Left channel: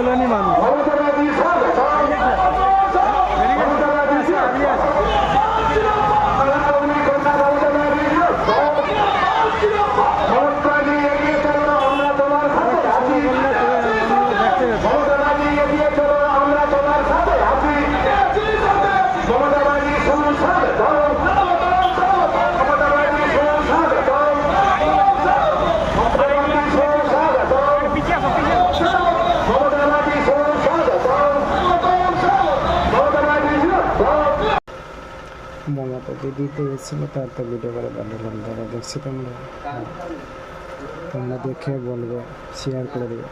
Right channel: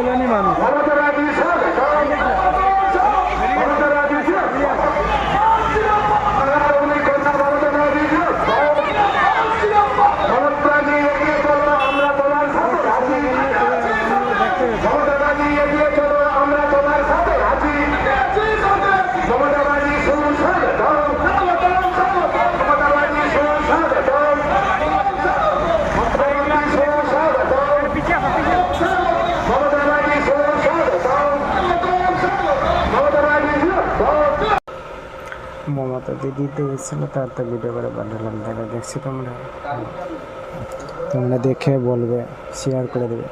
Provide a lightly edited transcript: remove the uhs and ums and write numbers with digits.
আন্দোলনী মানুষ। মমতা দিদিতে গেছিলো, তার তো ভিডিও করে পাঠালাম, তাহলে দেখছি তোমরা দেখে বলবে, শেয়ার করে দেবে।